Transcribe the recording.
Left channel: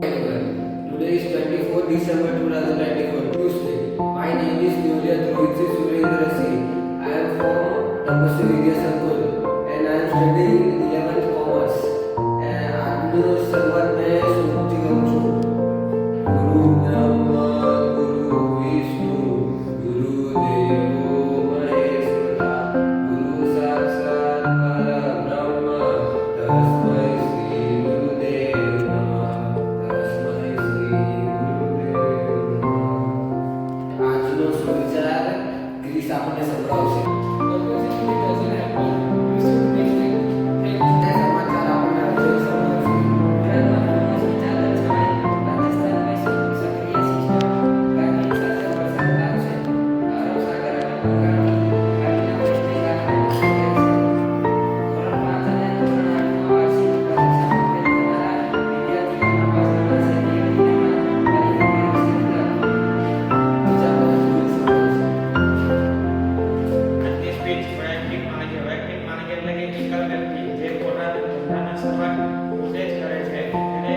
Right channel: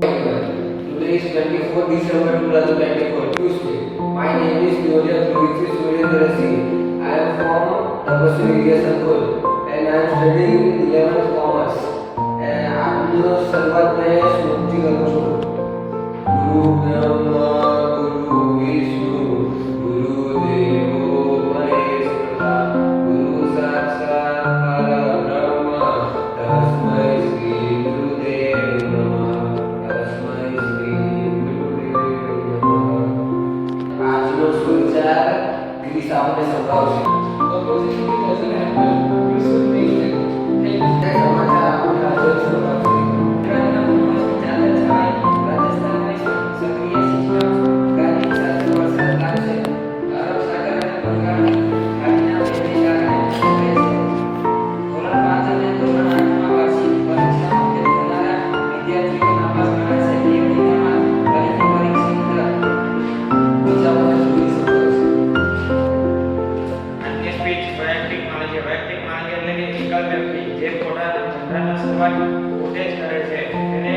Today is 24 December 2024, Tuesday. My name is Yoja Dhruvi Surendra Singh. I am from Tapasri Vidya Sankull and I am studying 11th Commerce. આજનો શરૂઆત મેં સ્મૃતિ કરું છું. ગુરુ બ્રહ્મા ગુરુ વિષ્ણુ ગુરુ દેવો મહેશ્વરા ગુરુ સાક્ષાત પરબ્રહ્મ તસ્મૈ શ્રી ગુરુદેવ નમઃ તસ્મૈ શ્રી ગુરુદેવ નમઃ. આજનો સુવિચાર ગિરીશ આપણને સંભળાવશે. સમાચાર આપણને આજે સંભળાવશે. વૈયક્તિક માલિકી એટલે કે એકલ વ્યક્તિ જે પોતાના ધંધાની શરૂઆત પોતે જ કરે છે તેને